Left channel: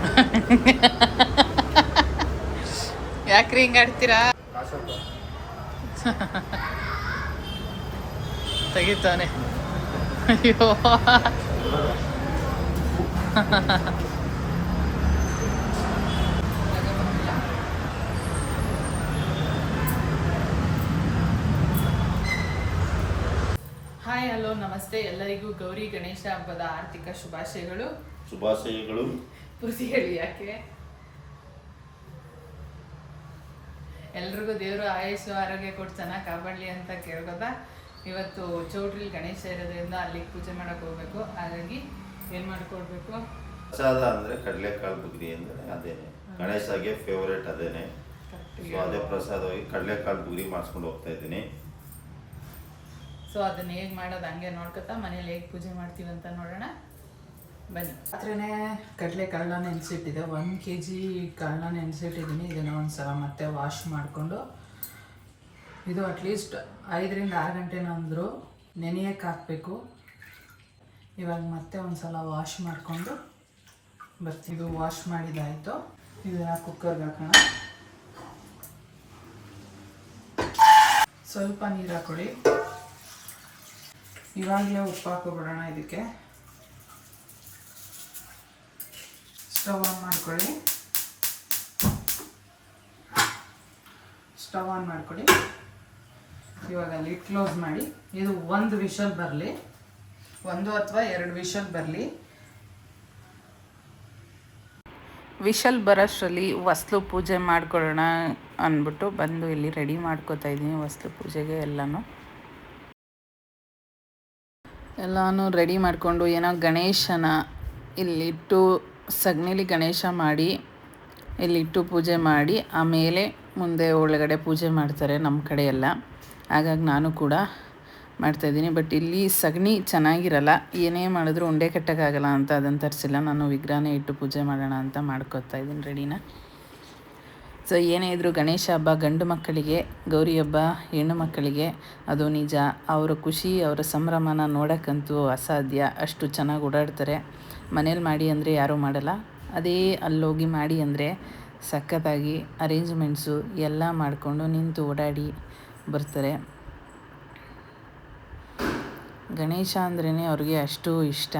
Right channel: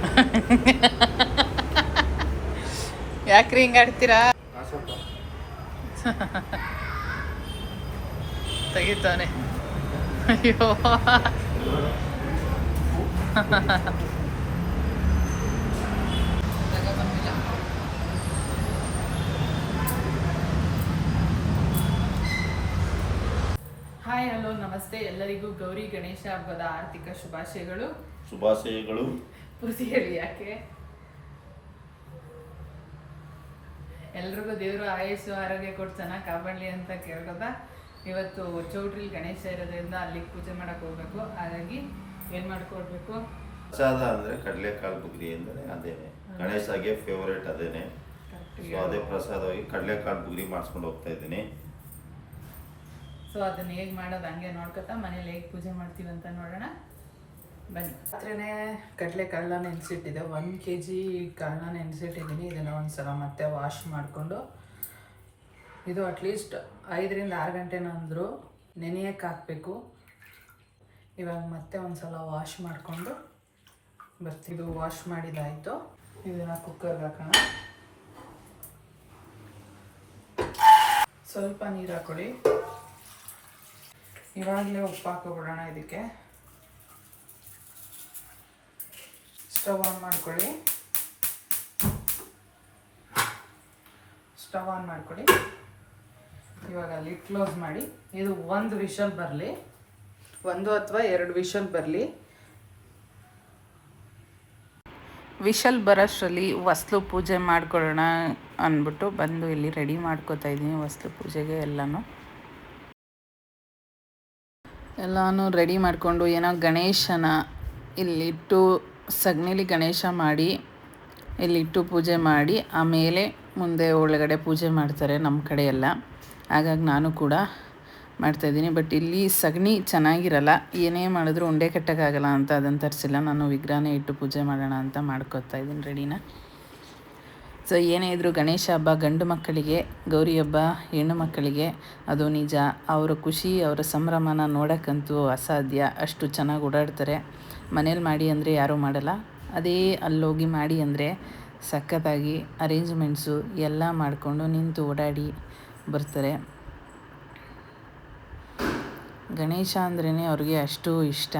ಯಾಕ್ರಿ ಹಿಂಗೆ ಆಡ್ತೀರಾ? ತೆಗಿತಾನೆ. ಅಯ್ಯೋ. ಹಾಯ್ ಹಲೋ ನಮಸ್ತೆ. ಎಲ್ಲರಿಗೂ ಗೌರಿ ಗಣೇಶ ಹಬ್ಬದ ಆರ್ಥಿಕ ಶುಭಾಶಯಗಳು. ಶುಭಾಶಯಗಳು. ಪೂರ್ತಿ ಹೇಳಿ ಯಾಕೆ? ಎಲ್ರಿಗೂ ದೇವರು ಆಯುಷು ಆರೋಗ್ಯ ಕೊಟ್ಟು ಚೆನ್ನಾಗಿ ಕಾಪಾಡಲಿ ಅಂತ ಕೇಳ್ಕೊತಾ ಇವತ್ತು ಚೌಟ್ರಿಲಿ ಗಣೇಶ ಇರೋದ್ರಿಂದ ಅಲ್ಲಿಗೆ ಪೂಜೆ ಮಾಡಕ್ಕೆ ಹೋಗ್ಬೇಕು. ಹಾಗಾಗಿ ಏನು ಮಾಡ್ಕೊಡ್ಬೇಕು? ಪ್ರಸಾದ ಅಂದ್ರೆ ಕಡಲೆಕಾಳು ಬುಗ್ರಿ ಅಂದ್ರೆ ಅದೇನೆ. ಗಣೇಶಗೆ ಫೇವರೇಟ್ ಅದೇನೆ. ಸೊ ಅದೇ ಪ್ರಸಾದವಾಗಿ ಕಡಲೆಕಾಳು ಬುಗ್ರಿ ಮಾಡಿಸ್ಕೊಂಡು ಹೋಗ್ತಾ ಇದ್ದೀನಿ. ಸೊ ಅದನ್ನ ಹೇಗೆ ಮಾಡೋದು ಹಂಗೆ ನೋಡ್ಕೊತಾ ಮನೇಲಿ ಹೇಗೆ ಪೂಜೆ ಮಾಡ್ತೀವಿ ಅಂತ ನೋಡೋಣ. ಬನ್ನಿ. ರಾತ್ರಿನೇ ಕಡಲೆ ಕಾಳನ್ನ ನೆನೆಸಿಟ್ಟಿದೆ ಒಂದು ಕೆ ಜಿ ಕಾಳನ್ನ ನೆನೆಸಿಟ್ಟಿದ್ದೀನಿ. ಇದನ್ನು ಒಂದ್ಸಲ ಮತ್ತೆ ವಾಶ್ ಮಾಡಿಕೊಂಡು ಇದು ಅಟ್ಲೀಸ್ಟ್ ಐದರಿಂದ ಆರು ಗಂಟೆನ ಅಂದರು ನೆನೆಯಕ್ಕೆ ಹಾಕಬೇಕು. ಇವಾಗ ಮತ್ತೆ ಒಂದ್ಸಲ ವಾಶ್ ಮಾಡಿಕೊಂಡು ಬರ್ತೀವಿ. ಇದು ವಾಶ್ ಮಾಡಿದಾಯಿತು. ಇದನ್ನು ಕುಕ್ಕರ್ಗೆ ಹಾಕೋಣ. ಸ್ವಲ್ಪ ನೀರು ಹಾಕೊಳ್ಳಿ ಇವಾಗಲೇ ಉಪ್ಪು ಹಾಕೋಬಿಡೋಣ ಇದಕ್ಕೆ. ಸ್ಟವ್ ಆನ್ ಮಾಡ್ಕೊಳ್ಳಿ. ಸ್ಟವ್ ಆನ್ ಮಾಡ್ಕೊಳ್ಳಿ. ಇವಾಗ ಲಿಟ್ ಕ್ಲೋಸ್ ಮಾಡಿ. ಇದು ಒಂದು ವಿಷಲ್ ಬರಲಿ. ಒಂದು ಅಥವಾ ಎರಡು ವಿಷಲ್ ಬರಲಿ. ವಿಷಲ್ ಬರೋಷ್ಟರಲ್ಲಿ ವಸ್ತು ಪೂಜೆ ಮಾಡ್ಕೊಳ್ಳೋಣ ಅಂದ್ಬಿಟ್ಟು ಬಂದು ಇಲ್ಲಿ ರೆಡಿ ಮಾಡ್ಕೋತಾ ಇದ್ದೀನಿ ವಸ್ತು ಪೂಜೆಗೆ ಎಲ್ಲನೂ. ಎಲ್ಲನೂ ರೆಡಿ ಮಾಡಿಕೊಂಡು ಏನೋ ಗಣೇಶನ ಇಲ್ಲಿಟ್ಟು ಸಗಣಿಲಿ ಗಣೇಶ ಮಾಡಿ, ಇಲ್ಲಿಟ್ಟು ಪೂಜೆ ಮಾಡಿ, ಆಮೇಲೆ ಮುಂದೆ ಒಳಗಡೆ ಪೂಜೆ ಮಾಡ್ತಾರೆ ನಮ್ಮ ಕಡೆಯೆಲ್ಲ. ಹಾಗಾಗಿ ನಾನು ಕೂಡ ಮಾಡ್ತಾಯಿದ್ದೀನಿ ಬಟ್ ಇಲ್ಲಿ ಸಗಣಿ ಚೆನ್ನಾಗಿರಲ್ಲ, ಏನೇ ಮಾಡಿದ್ರು ಉಂಡೆ ಕಟ್ಟೋಕ್ಕಾಗಲ್ಲ ಅಂತ ಅದನ್ನು ತರಿಸಿಲ್ಲ. ನಾನು ವಿಗ್ರಹನೇ ಇಟ್ಟು ಪೂಜೆ ಮಾಡೋಣ ಅಂತ ಮಾಡ್ಕೊತಾ ಇದ್ದೀನಿ ರೆಡಿನ. ಸೊ ಏನೇ ಇದ್ದರೂ ಗಣೇಶ ಹಬ್ಬ ಗಂಡು ಮಕ್ಕಳಿಗೆ, ಗೌರಿ ಹಬ್ಬ ಹೆಣ್ಣು ಮಕ್ಕಳಿಗೆ, ಅದು ನಿಜ. ಅವರ ಖುಷಿ, ಅವರ ಸಂಭ್ರಮನ ನೋಡೋಕ್ಕಂತೂ ಅಸಾಧ್ಯ. ಅಷ್ಟು ಚೆನ್ನಾಗಿ ಓಡಾಡ್ತಾರೆ. ಮನೇಲಿ ಮಾಡಿ ಅಂದರೆ ಯಾರೂ ಮಾಡಲ್ಲ. ಅದೇ ಅಲ್ಲೋಗಿ ಮಾಡಿ ಅಂದರೆ ಸಖತ್ತಾಗಿ ಅರೇಂಜ್ಮೆಂಟ್ಸು ಎಲ್ಲ ಮಾಡಿಕೊಂಡು ನಿಂತು ಓಡಾಡಿ ಬರ್ತಾರೆ. ಗಣೇಶ ಅಂದ್ರೇ ಅವ್ರಿಗೆ ಅಷ್ಟು ಇಷ್ಟ.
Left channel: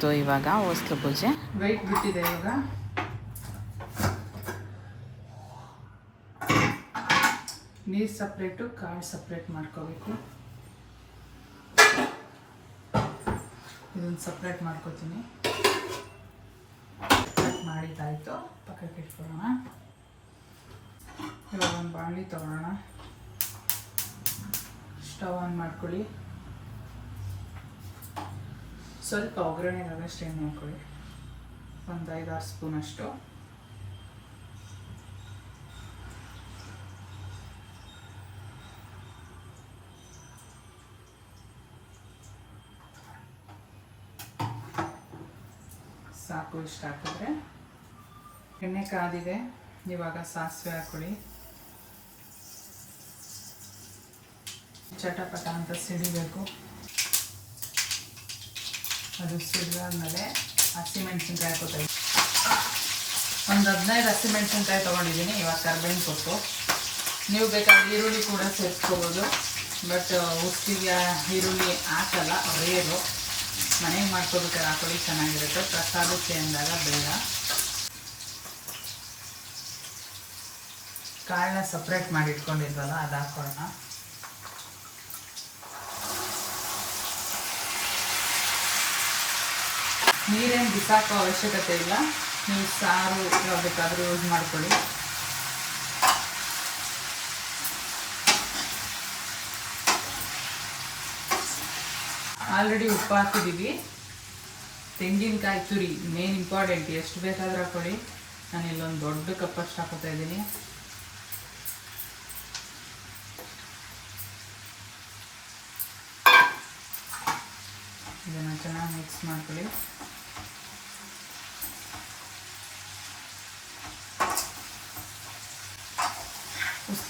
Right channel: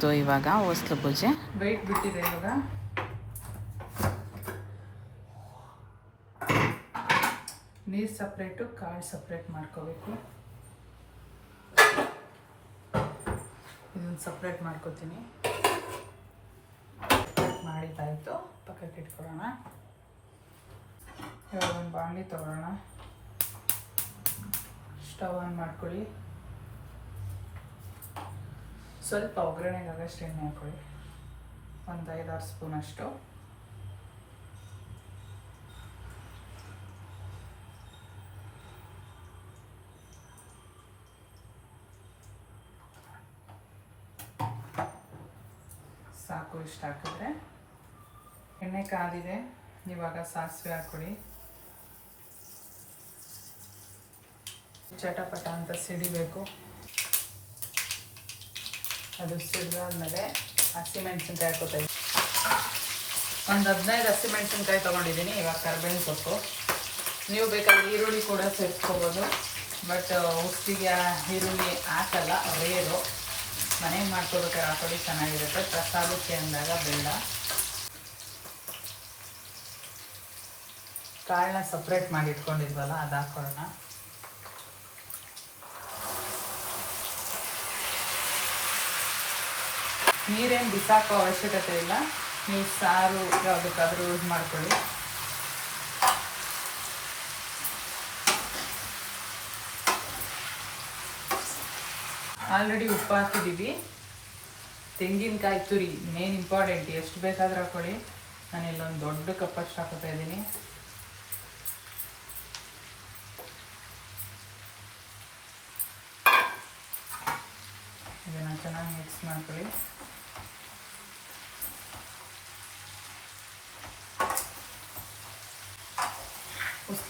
ಮುಗೀತು ಇವಾಗ ಹೊಸ್ಲು ಪೂಜೆ. ಬಿಟ್ಟಿದೆ ಇವಾಗ. ನೀರು ಸಪ್ರೇಟು ಕಾಳು ಸಪ್ರೇಟ್ ಮಾಡ್ಕೋಬೇಕು. ಇದನ್ನು ಸಪ್ರೇಟ್ ಮಾಡ್ಕೋತೀನಿ. ಮಾಡಿದ್ದಾಯಿತು. ಪಕ್ಕಕ್ಕೆ ಇಟ್ಕೊಳ್ಳೋಣ. ಇವಾಗ ಒಂದು ಬಾಣಲಿ ತೊಗೊಳ್ಳೋಣ. ಸ್ಟವ್ ಆನ್ ಮಾಡ್ಕೊಳ್ಳಿ. ಸ್ವಲ್ಪ ಒಗ್ಗರಣೆಗಾಗಷ್ಟು ಎಣ್ಣೆ ಹಾಕೊಳ್ಳಿ. ಒಂದು ಐದಾರು ಸ್ಪೂನ್ ಅಷ್ಟು ಸಾಕು ಇಷ್ಟು ಹಾಕಿದ್ರೆ. ಎಣ್ಣೆ ಕಾದಿದೆ, ಇವಾಗ ಸಾಸಿವೆ ಹಾಕೊಳ್ಳಿ. ಚಟಪಟ ಅಂತ ಸಿಡಿಬೇಕು. ಅದು ಸಿಡಿದಾದ್ಮೇಲೆ ಹಸಿಮೆಣಸಿನ್ಕಾಯಿ ಹಾಕೋತಾ ಒಂದು ಹದಿನೈದು ಹಸಿಮೆಣಸಿನ್ಕಾಯಿ ತೊಗೊಂಡಿದ್ದೀನಿ ಇವಾಗ ಕರ್ಬೇವಿನ ಸೊಪ್ಪು. ನೀವು ಬೇಕಾದ್ರೆ ಈರುಳ್ಳಿ ಕೂಡ ಸೇರಿಸ್ಕೋಬೋದು. ಬಟ್ ಉಸ್ತಿಗೆ ಈರುಳ್ಳಿ ಹಾಕಲ್ಲ, ರೇರು. ಮನೆಗೆ ಮಾಡ್ಕೋಬೇಕಾದ್ರೆ ಹಾಕೊಳ್ಳಿ ಚೆನ್ನಾಗಿರುತ್ತೆ. ಪ್ರಸಾದಕ್ಕೆ ಅಂದಾಗ ಬೇಡ. ಕಾಳನ್ನ ಸಪ್ರೇಟ್ ಮಾಡಿ ಇಟ್ಕೊಂಡಿದ್ವಲ್ಲ ಅದು ಹಾಕೊಳ್ಳೋಣ ನೀರೇನು ಬಿಸಾಕೋ ಅವಶ್ಯಕತೆ ಇಲ್ಲ. ನೀವು ಸಾರು ಯಾವುದಕ್ಕಾದ್ರೂ ಯೂಸ್ ಮಾಡ್ಕೊಳ್ಳಿ. ಆಲ್ರೆಡಿ ಉಪ್ಪು ಹಾಕಿದ್ದೀವಿ. ತೆಂಗಿನಕಾಯಿ ತುರಿ ಮೇನ್ ಇಂಪಾರ್ಟೆಂಟ್ ಎಷ್ಟು ಬೇಕಾದರೂ ಹಾಕೊಳ್ಳಿ. ನಾನು ಇಲ್ಲೊಂದು ದೊಡ್ಡ ಕಪ್ಪಷ್ಟು ಹಾಕೋತಾ ಇದ್ದೀನಿ. ಇದನ್ನು ಚೆನ್ನಾಗಿ ಮಿಕ್ಸ್ ಮಾಡ್ಕೊಳ್ಳಿ.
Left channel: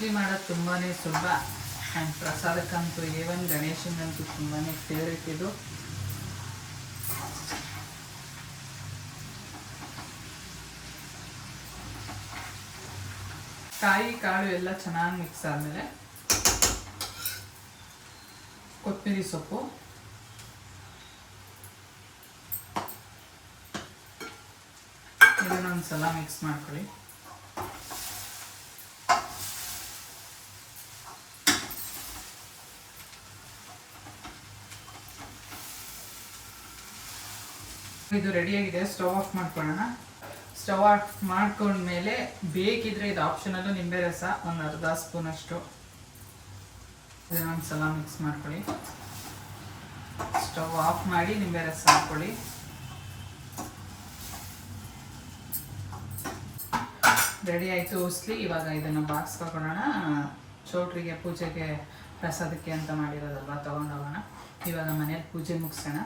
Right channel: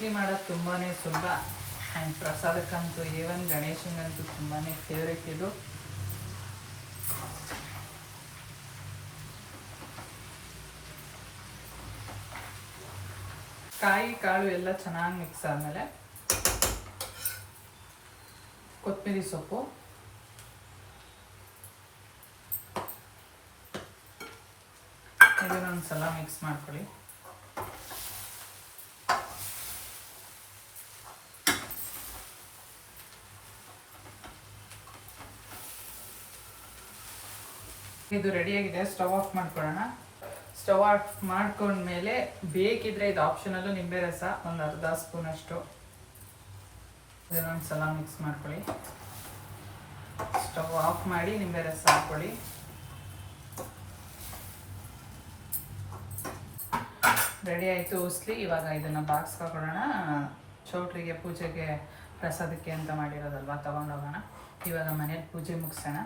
ಉಸ್ಲಿ ಮಾಡೋದು ತುಂಬಾ ಸುಲಭ. ಆ್ಯಂಡ್ ಪ್ರಸಾದಕ್ಕಂತೂ ಏವನ್ ಗಣೇಶನಂತೂ ತುಂಬಾ ಫೇವ್ರೇಟ್ ಇದು. ಕಾಯಿ, ಕಾಳು ಎಲ್ಲ ಚೆನ್ನಾಗಿ ಮಿಕ್ಸ್ ಆದಮೇಲೆ ಕೊತ್ತಂಬರಿ ಸೊಪ್ಪು. ಇದನ್ನೊಂದು ಸಲ ಮಿಕ್ಸ್ ಮಾಡ್ಕೊಳ್ಳಿ. ಇದು ರೆಡಿಯಾಗಿದೆ ಸ್ಟವ್ ಆಫ್ ಮಾಡ್ಕೊಳ್ಳೋಣ. ಸ್ಟವ್ ಆಫ್ ಮಾಡ್ಕೊಂಡ್ಮೇಲೆ ಬೇಕಿದ್ರೆ ಇದು ಆಪ್ಷನಲ್ಲೂ ನಿಂಬೆ ರಸ ಒಂದು ಅರ್ಧ ಸ್ಪೂನ್ ಅಷ್ಟು. ಒಂದು ಮಿಕ್ಸ್ ಮಾಡ್ಕೊಳ್ಳಿ. ಸ್ಟವ್ ಆಫ್ ಮಾಡಿ ನಿಂಬೆ ರಸ ಹಾಕ್ಕೊಳ್ಳಿ. ರೆಡಿ ಆಯಿತು ಉಸ್ಲಿ. ಇವಾಗ ಇದನ್ನು ಬಾಕ್ಸ್ ಹಾಕೊಳ್ಳೋಣ. ಚೌಟ್ರಿಗೆ ಪೂಜೆಗೆ ಪ್ರಸಾದಕ್ಕೆ ಅಂತ ಮಾಡಿರೋದಲ್ವಾ? ತೊಗೊಂಡೋಗೋಣ. ಇವಾಗ ಮನೆಯಲ್ಲಿ ಪೂಜೆ ಮುಗಿಸೋಣ.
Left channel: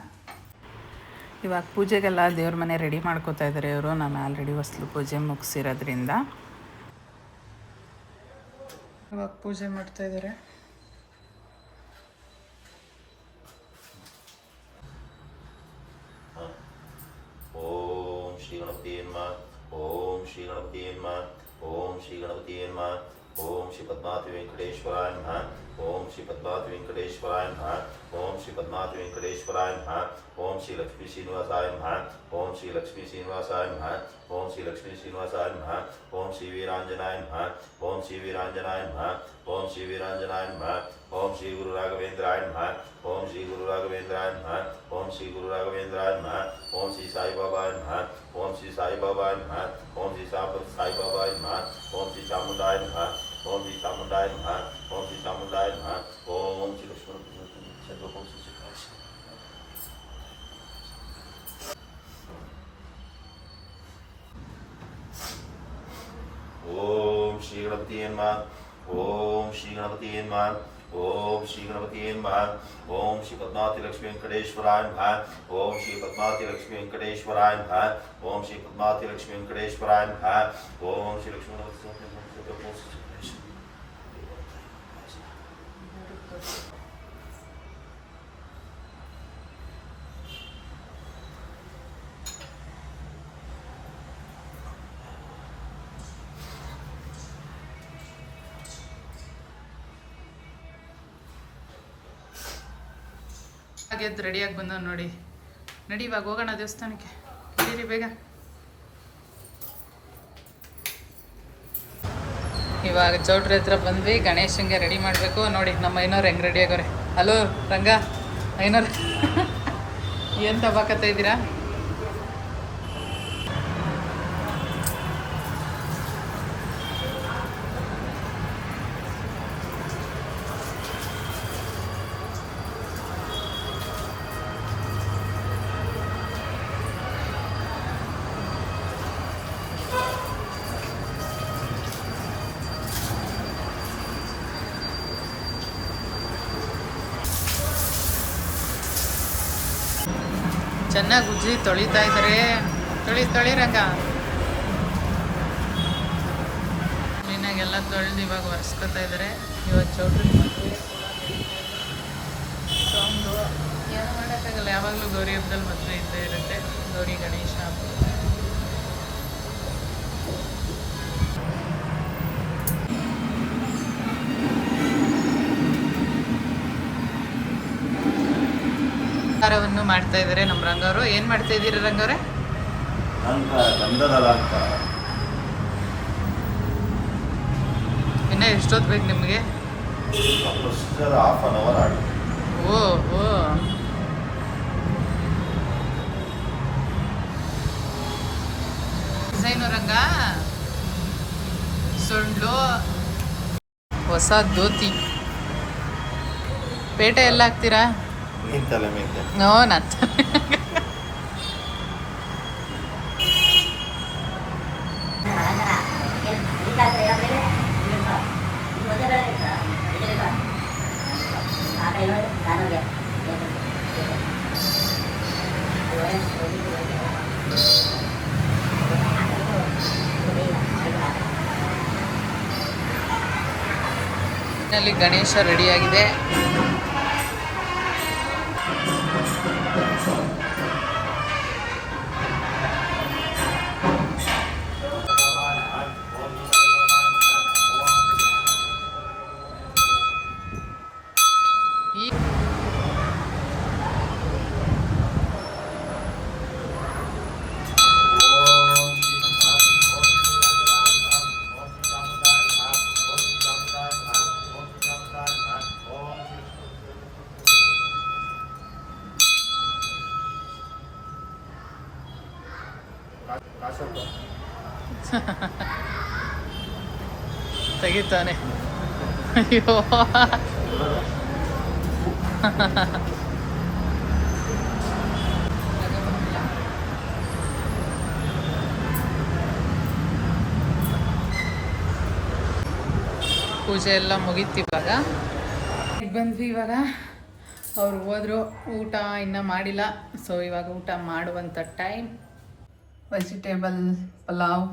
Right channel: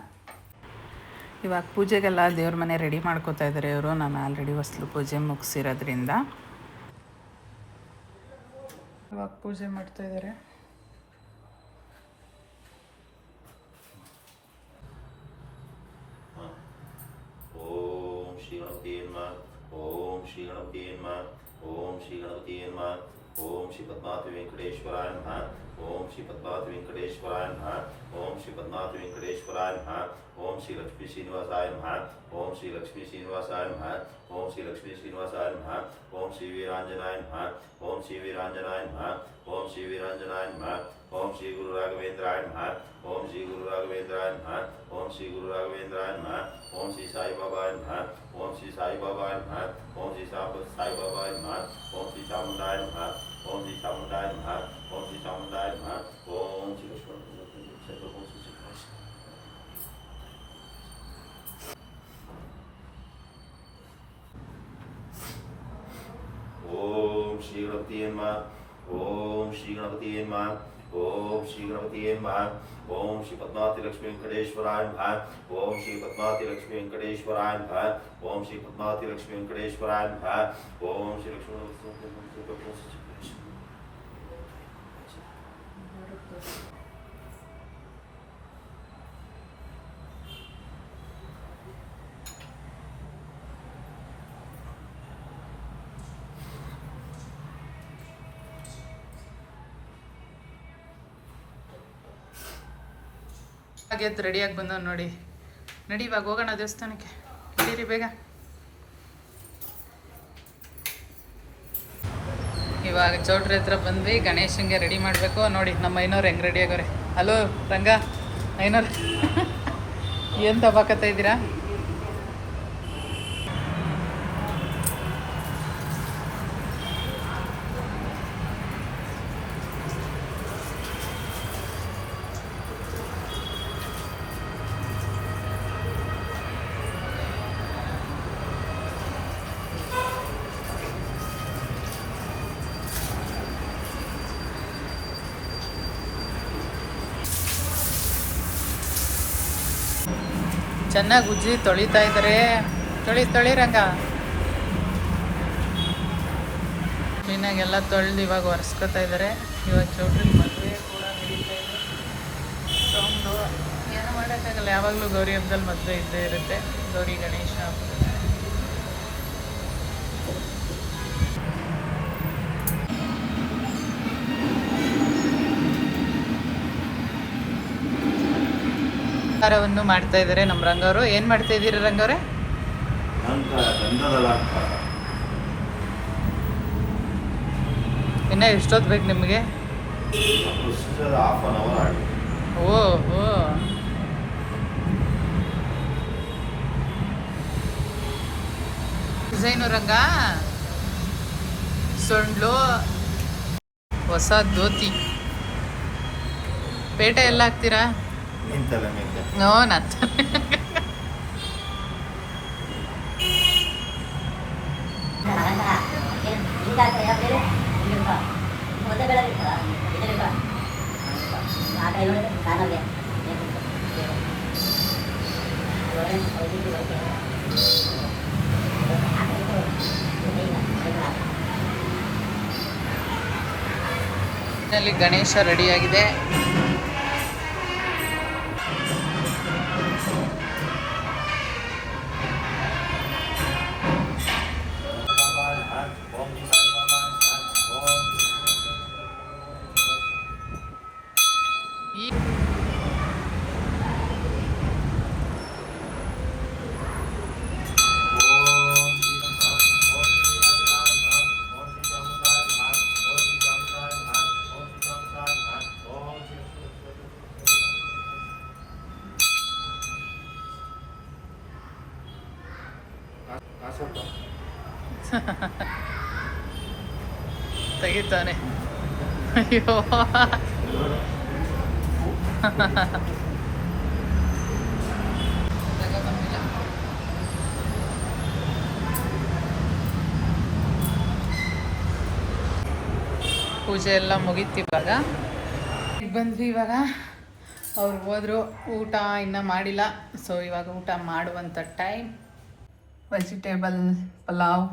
ಇವಾಗ ಪೂಜೆಗೆಲ್ಲ ದೇವ್ರ ಮನೆ ರೆಡಿ ಮಾಡ್ಕೋತಾ ಇದ್ದಾರೆ ಇವರು. ನಾನು ಆಲ್ರೆಡಿ ಹೊಸಲು ಪೂಜೆ ಮುಗಿಸಿರೋದ್ರಿಂದ. ಇವಾಗ ಪೂಜೆ ಮಾಡ್ತಾ ಇದ್ದಾರೆ ಓಂ ಶ್ರೀ ವೆಂಕಟೇಶ್ವರ ಓಂ ಶ್ರೀ ಓಂ ಶ್ರೀ ಗಣಪತಿ ಓಂ ಶ್ರೀ ವೆಂಕಟೇಶ್ವರಾಯ ಓಂ ಶ್ರೀ ವೆಂಕಟೇಶ್ವರಾಯ ನಮಃ ಓಂ ಶ್ರೀ ಪದ್ಮಾವತಿ ವೆಂಕಟೇಶ್ವರಾಯ ನಮಃ ಓಂ ಶ್ರೀ ಲಕ್ಷ್ಮೀ ಶ್ರೀನಿವಾಸಾಯ ನಮಃ ಓಂ ಶ್ರೀ ಲಕ್ಷ್ಮೀ ಶ್ರೀನಿವಾಸಾಯ ನಮಃ ಓಂ ಶ್ರೀ ಲಕ್ಷ್ಮೀ ಶ್ರೀನಿವಾಸಾಯ ನಮಃ ಓಂ ಶ್ರೀ ವೀರಾಂಜನಾಯ ನಮಃ ಓಂ ಶ್ರೀ ವೀರಾಂಜನಾಯ ನಮಃ ಓಂ ಶ್ರೀ ವೀರಾಂಜನಾಯ ನಮಃ ಓಂ ಶ್ರೀ ಗುರು ರಾಘವೇಂದ್ರಾಯ ನಮಃ ಓಂ ಶ್ರೀ ಗುರು ರಾಘವೇಂದ್ರಾಯ ನಮಃ ಓಂ ಶ್ರೀ ಗುರು ರಾಘವೇಂದ್ರಾಯ ನಮಃ ಓಂ ಶ್ರೀ ಸಾಯಿಬಾಬಾಯ ನಮಃ ಓಂ ಶ್ರೀ ಸಾಯಿಬಾಬಾಯ ನಮಃ ಓಂ ಶ್ರೀ ಸಾಬ ಸಾಯಿಬಾಬಾಯ ನಮಃ ಓಂ ಶ್ರೀ ಚಾಮುಂಡಾಯ ನಮಃ ಓಂ ಶ್ರೀ ಚಾಮುಂಡಾಯ ನಮಃ ಓಂ ಶ್ರೀ ಚಾಮುಂಡಾಯ ನಮಃ ಓಂ ಶ್ರೀ ಲಕ್ಷ್ಮಣ ಓಂ ಶ್ರೀ ಶ್ರೀ ಓಂ ಶ್ರೀ ಗಣಪತಿ ನಮಃ ಓಂ ಶ್ರೀ ಗಣಪತಿ ನಮಃ ಓಂ ಶ್ರೀ ಗಣಪತಿ ನಮಃ ಓಂ ಶ್ರೀ ಪದ್ಮಾವತಿ ಲಕ್ಷ್ಮೀ ವೆಂಕಟೇಶ್ವರಾಯ ನಮಃ ಓಂ ಶ್ರೀ ಪದ್ಮಾವತಿ ಲಕ್ಷ್ಮೀ ವೆಂಕಟೇಶ್ವರಾಯ ನಮಃ ಓಂ ಶ್ರೀ ಪದ್ಮಾವತಿ ಲಕ್ಷ್ಮೀ ವೆಂಕಟೇಶ್ವರಾಯ ಹಾಗೆ ರೆಡಿಯಾಗಿ ಬಂದವ್ ನೋಡಿ. ನಡಿ ಇವಾಗ ಹೋಗೋಣ ದೇವಸ್ಥಾನಕ್ಕೆ. ನಡೀರಿ ಬೇಗ. ಇವಾಗ ಚೌಟ್ರ ಹತ್ರ ಬಂದ್ವಿ ಗಣೇಶಂಗೆ ರೆಡಿ ಮಾಡಬೇಕು. ನೋಡಿ, ನಮ್ಮ ಐನೋರು ಹೆಂಗೆ ರೆಡಿ ಆಗೋರೆ ಹಲೋ ರಂಗ, ಐನೋರ್. ಏನು ತಗೋಕತ್ತ ಇದ್ದೀರಾ? ಚೆನ್ನಾಗಿ ಉಜ್ಜಿ ತೊಳಿತಾ ಇದ್ದಾರೆ ತೊಳಿ ರಂಗ. ಕ್ಲೀನಾಗೆಲ್ಲ ತೊಳೆದು ಇವಾಗ ಒರೆಸ್ಕೋತಾ ಇದ್ದಾರೆ ಇವಾಗ ಚೌಟ್ರಿ ಮದುವೆ ಕೂಡ ನಡೀತಾ ಇದೆ. ಏನೋ ಮಾಡೋಕ್ಕಾಗಲ್ಲ. ಯಾವಾಗಲೂ ಗೌರಿ ಹಬ್ಬದಲ್ಲಿ ಮದುವೆ ಇದ್ದೇ ಇರುತ್ತೆ. ಗೌರಿ ಗಣೇಶ ಹಬ್ಬದಲ್ಲಿ ಅಲಂಕಾರವನ್ನು ಮಾಡ್ತಾ ಇದ್ದಾರೆ ನಮ್ಮ ರಂಗವರು. ಏನು ಮಾಡ್ತಾ ಇದ್ದೀರಿ ರಂಗವ್ರೆ? ಇನ್ನ ಎಷ್ಟೊತ್ತು ಬೇಕು ನಿಮಗೆ? ಓ ಓ. ಡಿಸೈನು ರಂಗ? ಸೊಂಡ್ಲು ಹೊಸ ಧೋತಿ. ಪೇಟೆ ಎಲ್ಲ ಹಾಕ್ತೀರಾ? ನೋ ನತ್ತ ಅಲ್ಲಿ ಗಣೇಶ ರೆಡಿಯಾಗಿದೆ ತೆಗಿತಾನೆ. ಅಯ್ಯೋ. ಪೂಜೆ ಎಲ್ಲ ಮುಗೀತು ಇವಾಗ ಬಂದ್ವಿ ಇವಾಗ. ಅವ್ರು ಹೋದ್ರು ಊಟ ಇನ್ನೂ ಮಾಡಿಲ್ಲ. ಸೊ ಇವಾಗ ಊಟ ಮಾಡುವಂಥ ಟೈಮ್ ವೆಜಿಟೇಬಲ್, ಪಲಾವ್,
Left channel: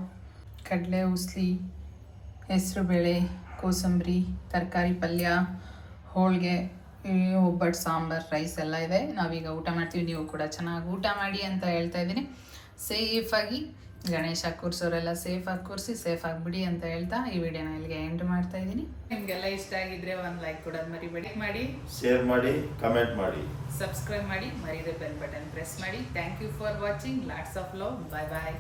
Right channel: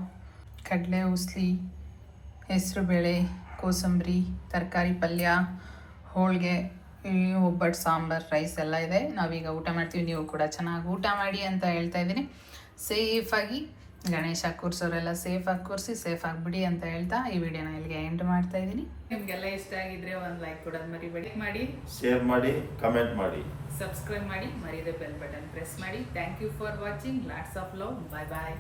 ಕಡಲೆ, ಉಸ್ಲಿ ಹೆಸರುಬೇಳೆ ಕೋಸಂಬರಿ, ತರಕಾರಿ ಪಲ್ಯ, ಹೋಳಿಗೆ ಒಬ್ಬಟ್ಟು, ಸಾಂಬಾರು, ರೈಸ್ ಎಲ್ಲ ಇದೆ. ನಾವೀಗ ಊಟ ಮಾಡ್ತೀವಿ. ನೀವು ಕೂಡ ಚೆನ್ನಾಗಿ ಊಟ ಮಾಡಿ ಅಂತ ಹೇಳ್ತಾ ಇದ್ದೀನಿ. ಸೇಫಾಗಿ ಗಣೇಶ ಕೂರ್ಸೋರೆಲ್ಲ ಸೇಫಾಗಿ ಕೂರಿಸಿ ಸೇಫ್ ಆಗಿಬಿಡಿ ಅಂತ ಹೇಳ್ತಾ ಈ ವಿಡಿಯೋನ ಇಲ್ಲಿಗೆ ಎಂಡ್ ಮಾಡ್ತಾ ಇದ್ದೀನಿ. ನಿಮಗೆಲ್ಲ ಇಷ್ಟ ಆಗಿದ್ರೆ ಒಂದು ಲೈಕ್ ಕೊಡೋದು ಮರಿಬೇಡಿ. ಮಾಡಿ ಶೇರ್ ಮಾಡಿ ಕಮೆಂಟ್ ಮಾಡಿ. ಸಬ್ಸ್ಕ್ರೈಬ್ ಮಾಡಿ ಮರಿದೆ ಬೆಲ್ ಬಟನ್ ಪ್ರೆಸ್ ಮಾಡಿ. Thank you for watching lots of love bye bye